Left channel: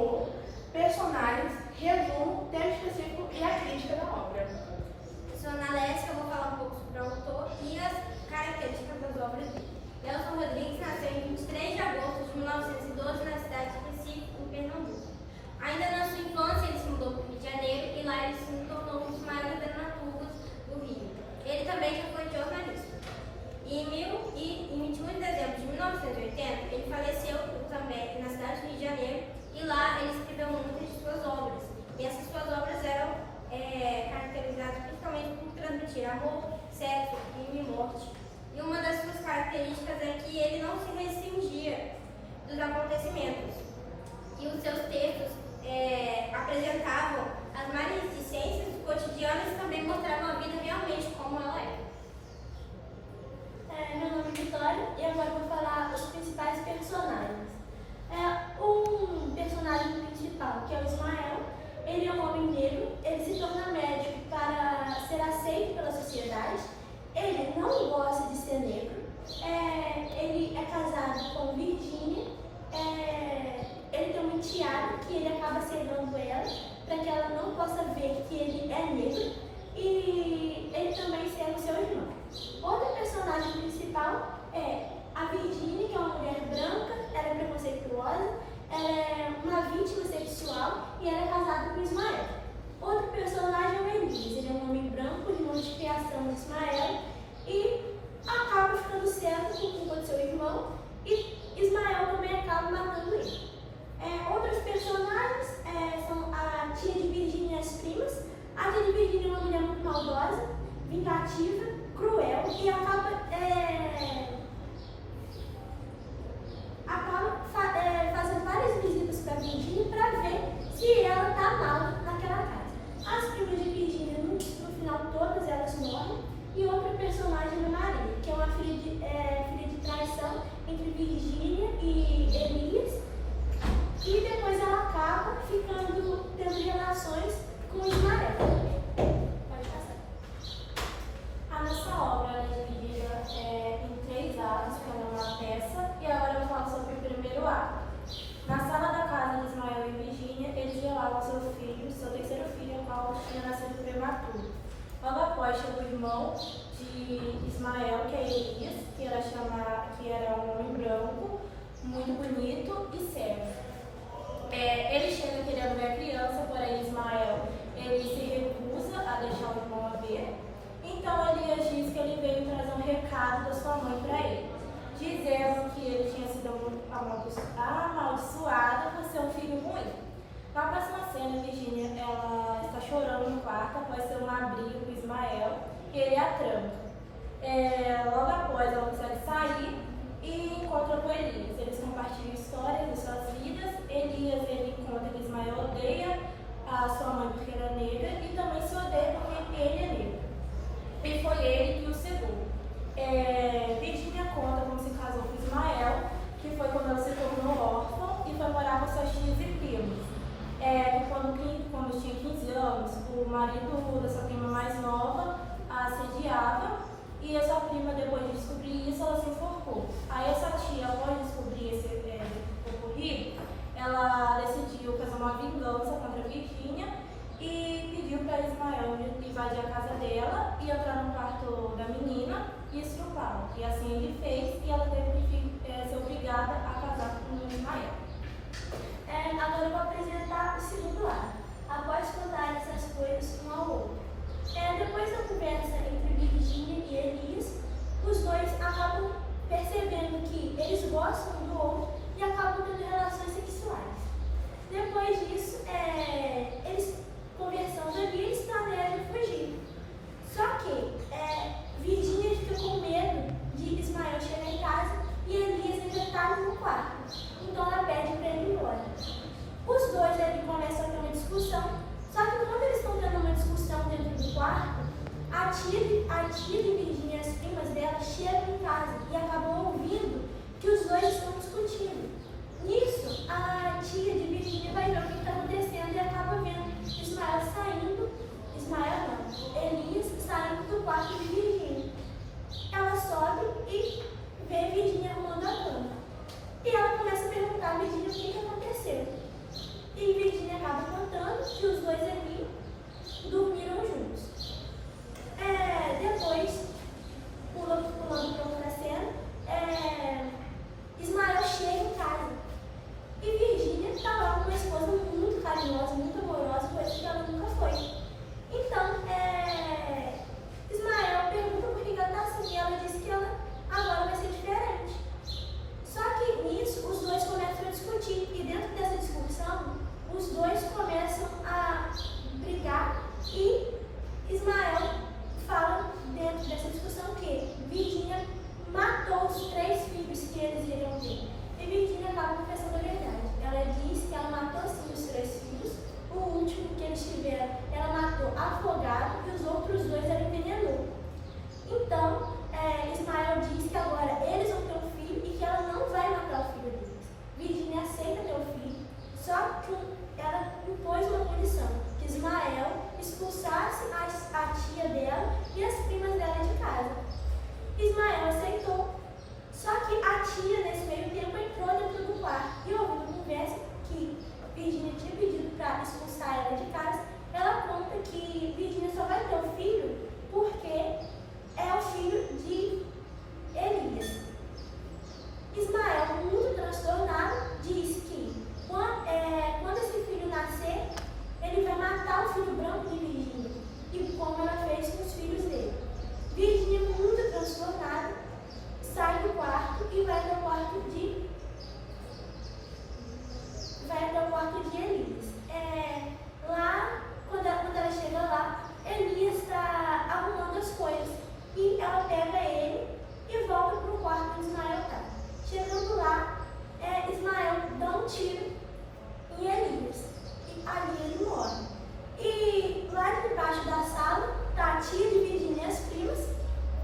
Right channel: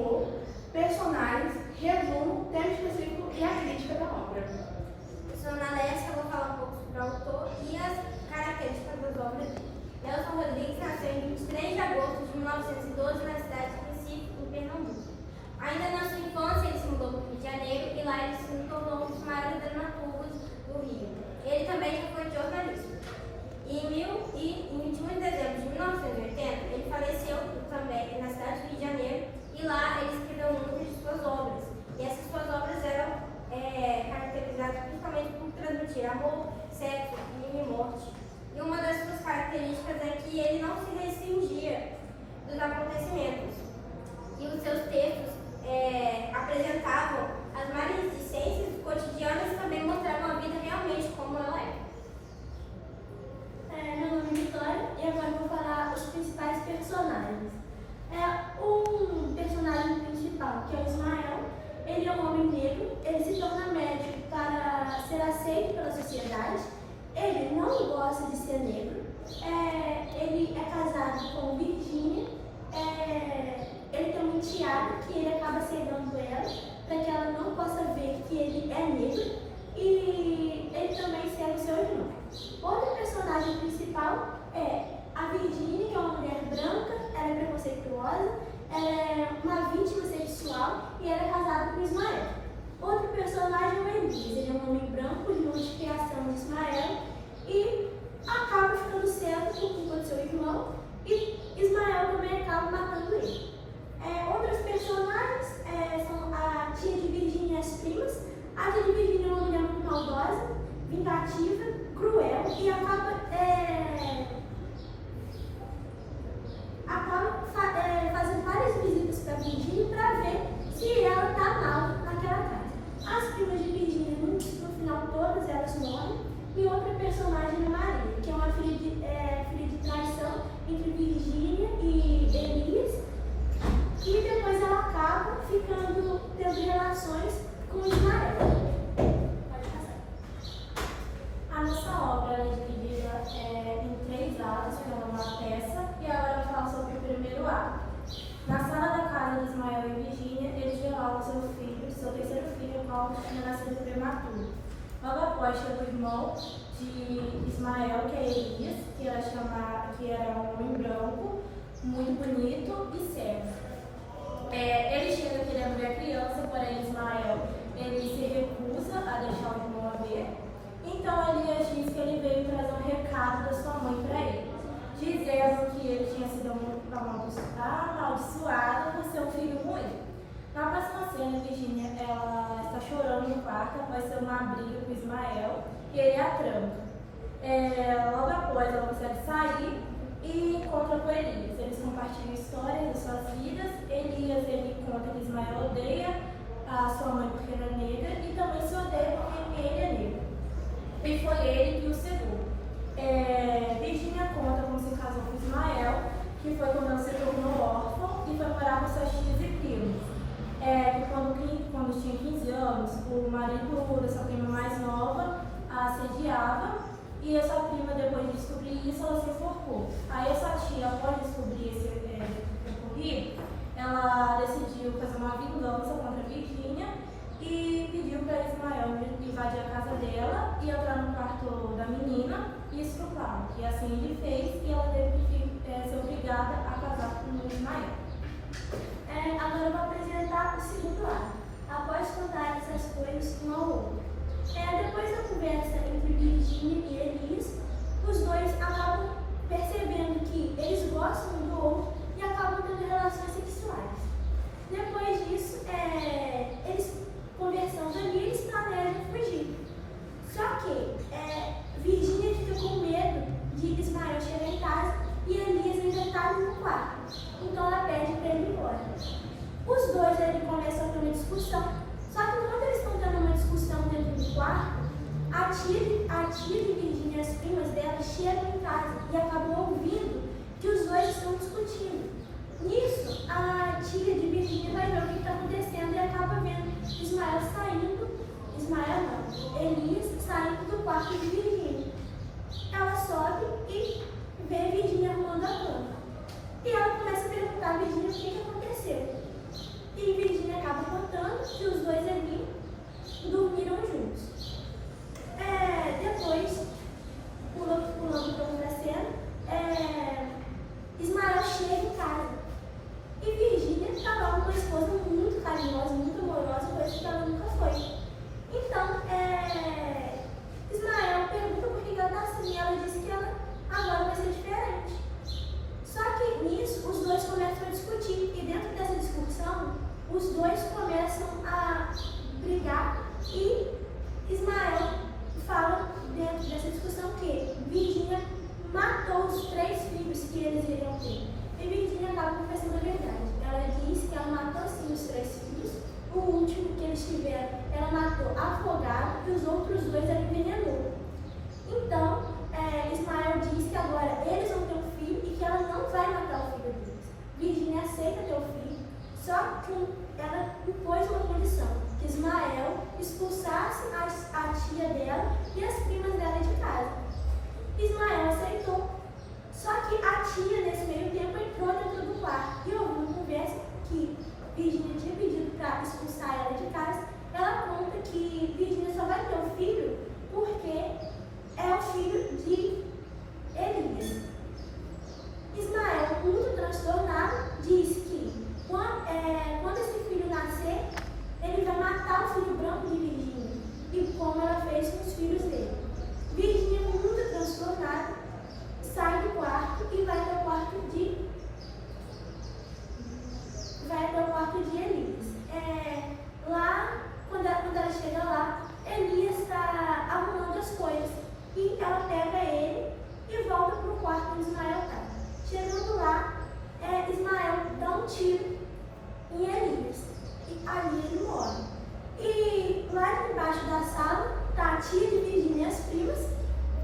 humor, personagens, resumo, tema específico e a crítica da obra. Eu sou Ana Lécia, eu vou falar um pouco sobre o autor e as características das obras dele. Nelson Rodrigues nasceu em 23 de agosto de 1912 na cidade de Recife, em Pernambuco. Ainda na sua infância, ele se mudou para o Rio de Janeiro e lá ele se tornou um dos maiores dramaturgos do Rio. Ele também já foi jornalista. Em 21 de dezembro de 1980, ele faleceu também na cidade do Rio de Janeiro e lá ele escreveu muitas de suas obras. E essas suas obras eram caracterizadas principalmente por transmitir amor, sexo, crime e morte. E uma das suas características é que ele não se rescingia dos acontecimentos. E os seus textos apresentavam as maledicências cotidianas e também mostravam a vida realmente como ela é. Meu nome é Vitória e agora eu vou falar os principais personagens. Um personagem principal, que é o Ismael, ele é um homem negro, ele se torna médico para ser aceito pela sociedade, ele não gosta de ser negro, ele é casado com Virgínia, ele tem uma enteada que ele acaba cegando ela para que ela não possa ver que ele é negro e ele também cega o seu irmão. Outro personagem principal é a Virgínia, que é uma mulher branca, ela é preconceituosa, uma vítima sexual e ela é casada com Ismael. Outro personagem é o Elias, ele é um homem branco, irmão de criação de Ismael e acaba ficando cego por culpa do seu irmão e Ismael também acaba matando ele. Outros personagens são a tia de Virgínia e as primas. A tia de Virgínia é uma mulher muito maldosa, vingativa, cruel e acaba fazendo várias visitas para Virgínia para ver se ela está mal naquela casa. As primas de Virgínia, no final, todas elas morrem. E outra personagem é Maria, que é uma filha de traição entre Virgínia e Elias. E depois ela acaba tendo relações com Ismael. Pode passar. A nossa obra é dividida em 3 atos, que é uma peça, e agora eu vou falar sobre o primeiro ato. Na sala da casa de Ismael e Virgínia, eles velavam seu terceiro filho, o qual tinha nascido prematuro. Logo após chegou o irmão de Ismael, que é Elias, que era um homem branco, muito bonito e cego. Ele chega querendo ver a criança, porém Ismael ele se recusa a deixar o irmão ver. Então Elias diz que ele veio trazer um recado da sua mãe para ele, dizendo que ele tinha sido amaldiçoado por seu filho morrer. Na próxima cena, Virgínia ela está chorando no quarto após ter uma briga com Ismael e ele a tranca. Logo após, ela consegue sair e encontra com Elias. Eles compartilham histórias de suas vidas. Elias ele conta que Ismael odeia a sua mãe porque era negra e também se odeia porque ele é negro. E foi ele que o cegou. Virgínia conta como se casou com Ismael, que foi quando ela se tornou órfã e foi morar com suas tias e primos. Quando tinha 15 anos, o marido da sua prima mais nova a assediava e a sua prima, depois de descobrir isso, ela se enforcou. Aí essa tia, após descobrir esse ocorrido, ela decidiu fazer uma vingança contra a Virgínia e pediu para Ismael invadir a casa dela e entrar no quarto da menina e estuprá-la. E assim ele fez e ela teve que ser obrigada a casar com o Ismael. Agora eu vou apresentar o segundo lado. Após contar essas coisas um ao outro. Depois da conversa entre Virgínia e Elias, os dois acabam percebendo que eles gostam um do outro e acabam tendo relações sexuais. Depois disso, eles conversando ali, eles planejam fugir. Só que Virgínia fica com medo de Ismael chegar em casa e Elias ainda está no quarto. Então ela pede para ele ir embora. Os dois começam a ter uma discussão, só que quando eles estão tendo uma discussão dentro do quarto, a tia de Virgínia e as primas dela chegam em casa e acabam ouvindo que os dois estão discutindo. Nisso, a tia de Virgínia vai ver o que está acontecendo e acaba vendo Elias saindo do quarto de Virgínia. Ela sobe e vê Virgínia arrumando a cama. E ela começa a perguntar a Virgínia o que aconteceu. e os dois ali dormiram juntos. Depois, pulando para outra cena, Ismael chega em casa e Virgínia estava com uma esposa muito carinhosa, muito amorosa, coisa que ela nunca foi. Então, Ismael pergunta por que ela está assim e ela diz que ela agora vai ser diferente. Só que nisso, os dois começam a discutir e dentro dessa discussão, os dois começam a brigar e Ismael fala dentro dessa discussão que Virgínia matou os 3 filhos que eles iriam ter. E Virgínia acaba confessando a verdade. Ela diz que ela matou sim os 3 filhos. O último que eles tiveram, ela matou afogado e os outros 2 ela envenenou. Então, Ismael diz que agora eles vão ter um filho e que ela não vai matar o filho deles. Virgínia aceita ter o filho, só que ela impôs uma condição, que Ismael expulsasse a tia dela e as primas dela de casa. Ismael aceitou, só que a tia nesse meio tempo entrou dentro do quarto e ouviu uma conversa que Virgínia tinha pedido para expulsar ela de casa. Ela conta que Virgínia só vai ter um filho porque é o filho de Elias. Ismael, muito transtornado, diz que quando esse filho nascer, ele vai matar o filho branco de Virgínia, e como ela fez com os filhos dele. Virgínia, muito transtornada, sai do quarto e vai até o quarto de Elias. Lá, quando ela chega lá, Elias está arrumando as coisas e ela pega ele e volta para o quarto onde Ismael está. Chegando lá, Ismael dá um tiro em Elias e ali ele morre. E lá embaixo da sala está a tia de Virgínia e as primas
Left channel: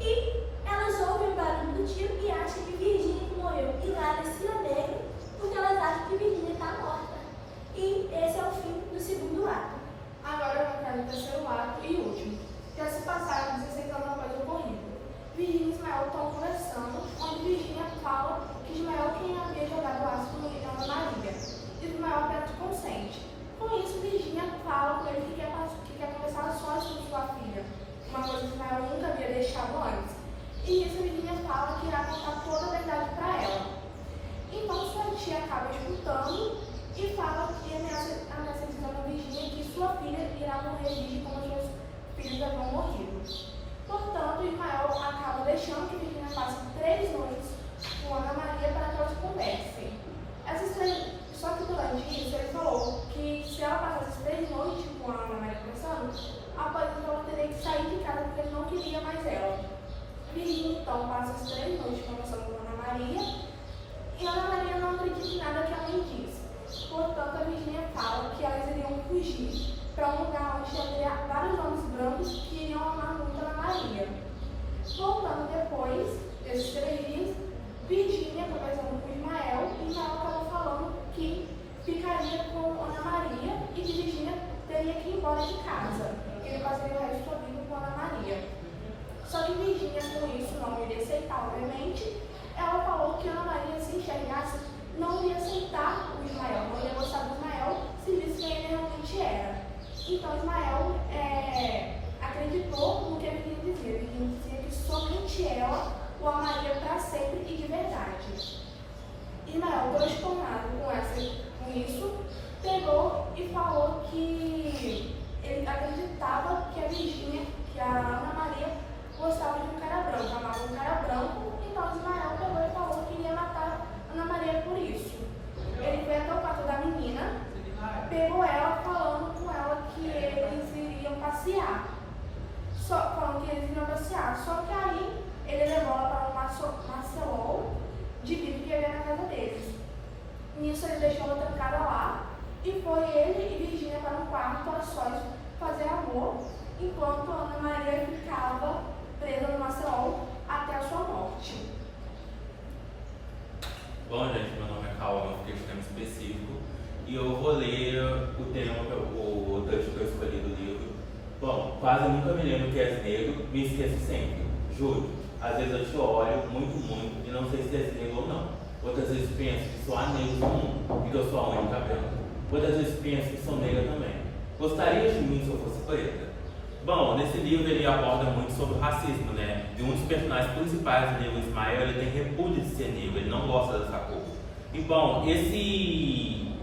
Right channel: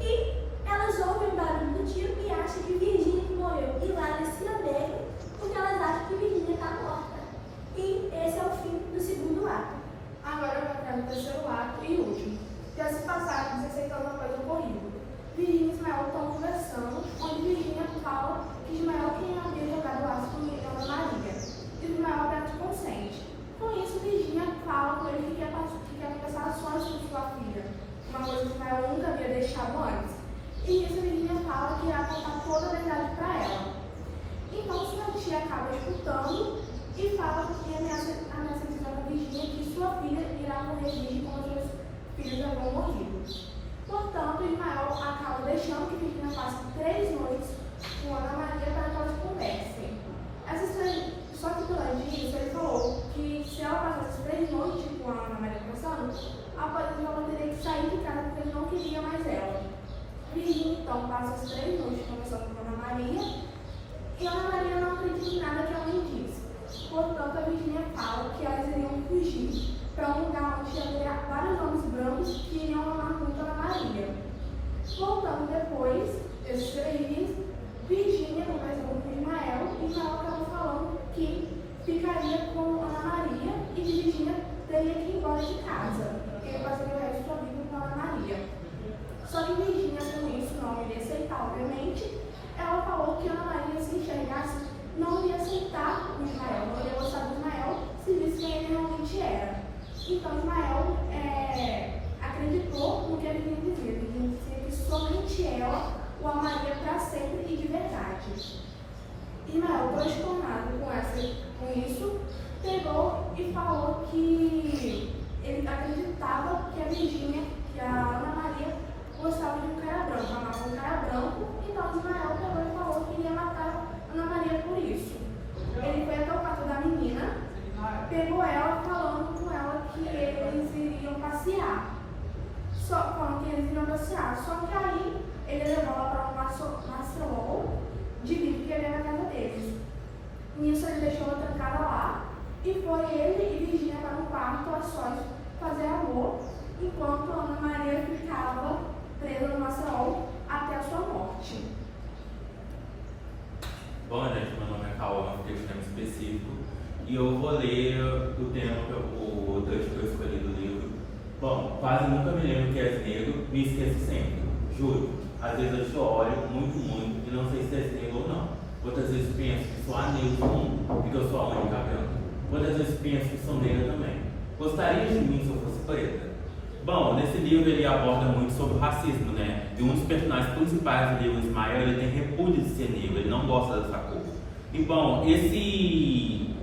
e elas ouvem o barulho do tiro e acham que Virgínia que morreu. E lá eles se alegram porque elas acham que Virgínia está morta. E esse é o fim do segundo ato. Agora eu vou entrar no terceiro ato e último. Já se passaram 16 anos após o ocorrido. Virgínia e Ismael estão conversando, onde Virgínia fala que Ismael quem havia jogado ácido em Ana Maria. Ismael apenas consente. Com isso, Virgínia fala com ele que quer conversar só sobre sua filha, uma coisa que Ismael nunca havia deixado antes. E isso Virgínia fala que irá contar toda a verdade para ela. Então sua tia acaba escutando e fala que ameaça dizendo a Virgínia que sua filha irá morrer virgem como os seus filhos haviam morrido. Portanto, Ismael acaba deixando que Virgínia passe 3 noites com Ana Maria para que elas conversem. Só que durante isso ele falou que se ela passasse 3 noites com a Ana Maria conversando, após isso ela teria que sair de casa porque ele não queria mais ela. Virgínia então passa as 3 noites conversando com Ana Maria e Ana Maria não acredita em nada que a mãe diz. Portanto, a Virgínia fala que elas iriam fugir para um lugar onde tinha vários homens brancos que iriam amar muito Ana Maria. Voltando depois desses 3 dias, Virgínia conversando com Ismael e Ismael estava falando que ficaria com Ana Maria e que Virgínia teria que ir embora de casa, que ele passaria o resto da vida com Ana Maria. Só que Virgínia, com isso, não iria aceitar, obviamente. Ela falou que Ana Maria, se enxergasse, não iria aceitar o Ismael, não ia gostar do Ismael se visse quem ele realmente era. Então Ismael acreditou no que ele queria dizer. Ele dizia que somente ela o amaria para sempre e de verdade. Ismael, transtornado com isso, pegou e falou que ele acreditava que a Virgínia, que a Ana Maria, gostava de um cara branco, amava um cara branco. Então Ismael pegou e falou que ia matar Ana Maria por isso. Ele foi até o quarto da menina, pegou ela falando com ela que eles iriam passear. Só que aí ele levou ela para um Marcelol de vidro que havia na casa deles. Nisso ele deixou ela trancada lá e foi ele e Virgínia para um quarto a sós fazer amor, enquanto Ana Maria ficava presa no Marcelol até a sua morte. Bom, gente, meu nome é Cauã, eu fiquei tema específico e eu vou ler o tema, o texto que eu escolhi do livro. Bom, quase nunca me lembro que és negro, me esqueço sempre, juro. Às vezes eu te olho muito e não sei se és negro ou não. Outras vezes penso que só há negros no mundo e que eu sou a única branca. Outras vezes penso que sou negra também. Gostaria de mim se eu fosse preta? Bom, nesse livro ele aborda muito sobre o racismo, né? E um dos personagens principais do livro, Ismael, ele tem repúdio de ser negro, ele não gosta dessa cor. E bom,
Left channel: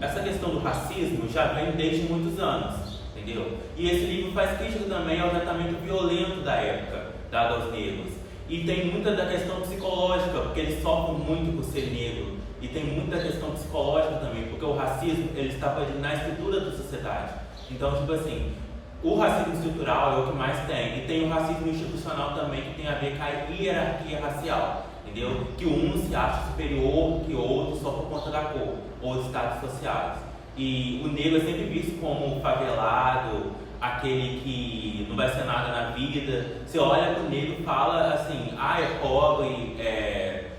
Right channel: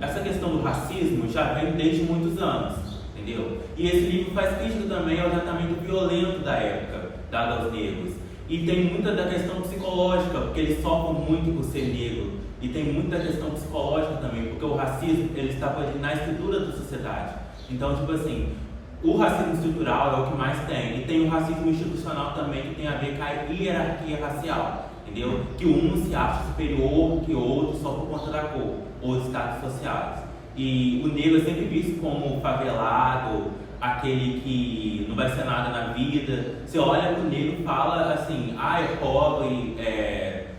essa questão do racismo já vem desde muitos anos, entendeu? E esse livro faz crítica também ao tratamento violento da época, dado aos negros. E tem muita da questão psicológica, porque eles sofrem muito por ser negro. E tem muita questão psicológica também, porque o racismo, ele está na estrutura da sociedade. Então, tipo assim, o racismo estrutural é o que mais tem. E tem o racismo institucional também, que tem a ver com a hierarquia racial, entendeu? Que um se acha superior que o outro só por conta da cor, ou de status sociais. E o negro é sempre visto como favelado, aquele que não vai ser nada na vida. Você olha pro negro e fala assim, é pobre,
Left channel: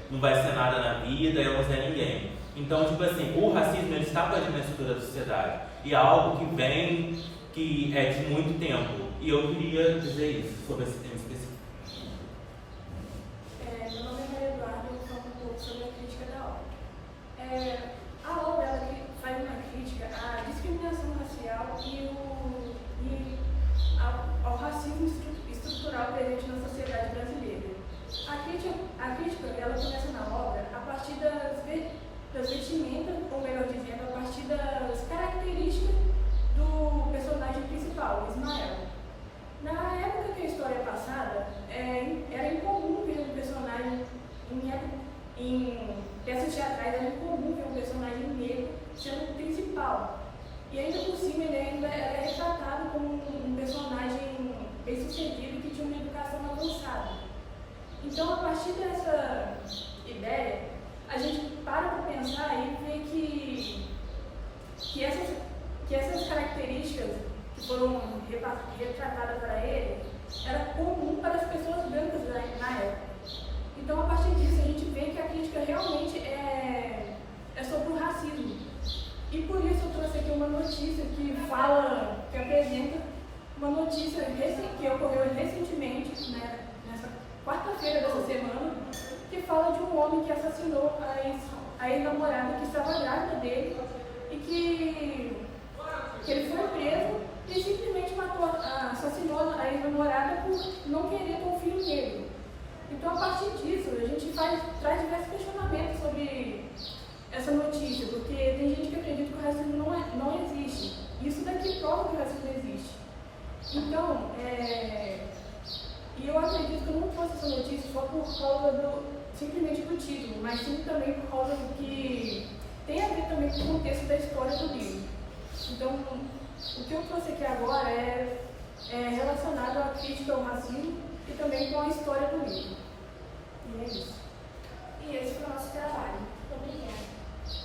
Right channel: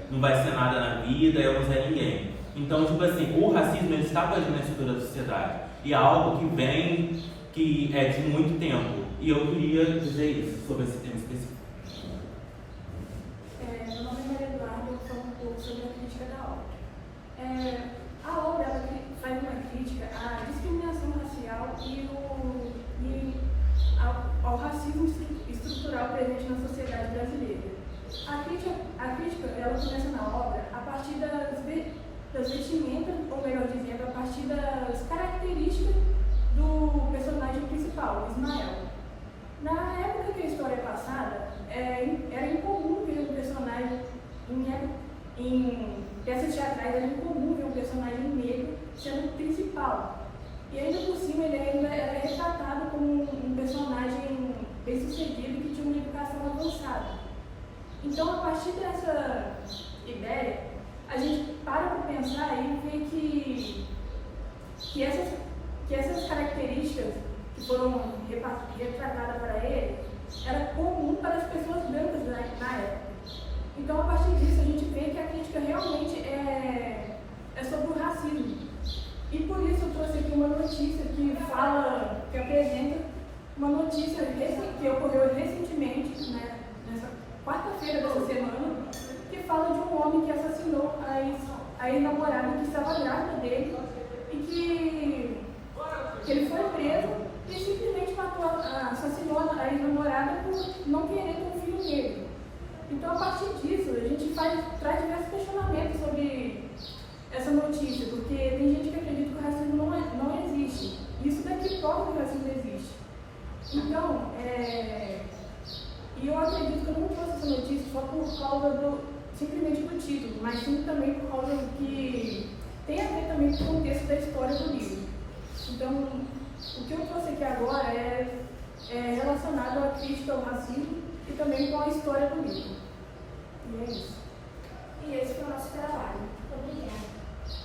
não vai ser nada na vida, eu não sei ninguém. Então, tipo assim, o racismo ele está presente na estrutura da sociedade. E é algo que vem, que é de muito tempo. E eu queria dizer isso sobre esse tema específico. Meu nome é Maria Eduarda e eu vou falar um pouco sobre a crítica da obra. A obra ela faz uma crítica à discriminação racial e ao racismo estrutural presente na sociedade brasileira. A crítica ela começa na obra a partir das vestimentas, ou melhor dizendo, a partir das características do personagem principal, Ismael. Na época que a história é passada, era incomum ver um personagem em peças teatrais, era incomum ver um personagem negro sendo principal. E ainda por cima ele ainda era retratado como um personagem bem-sucedido que tinha uma educação avançada. Então, a partir dessa ideia, a gente para pensar e vê que essas características que foram retratadas para ele era comum para as pessoas brancas na época. Então, a partir disso, a gente vê que a crítica realmente é sobre o racismo. E por isso eu trouxe aqui uma notícia que apresenta uma notícia que ocorreu recentemente, né, nessa quarta-feira dessa semana, que fala de um homem que assassinou a ex-namorada que estava grávida dele e que ele foi preso e simplesmente assassinou a ex-namorada por não querer ter um filho dele. Então, a partir disso, a gente traz diversos questionamentos sobre essa notícia, porque tem gente que acredita que o racismo não existe. Isso daqui prova que o racismo existe. Então, e eu acredito que eu não trouxe essa notícia só por causa simplesmente do título, mas sim também por causa do que tem a ver também com o contexto da história do livro. Então, o que eu trouxe aqui agora é relacionado à crítica ao racismo e também com a história do livro. E é isso. E esse foi o nosso trabalho. Obrigada.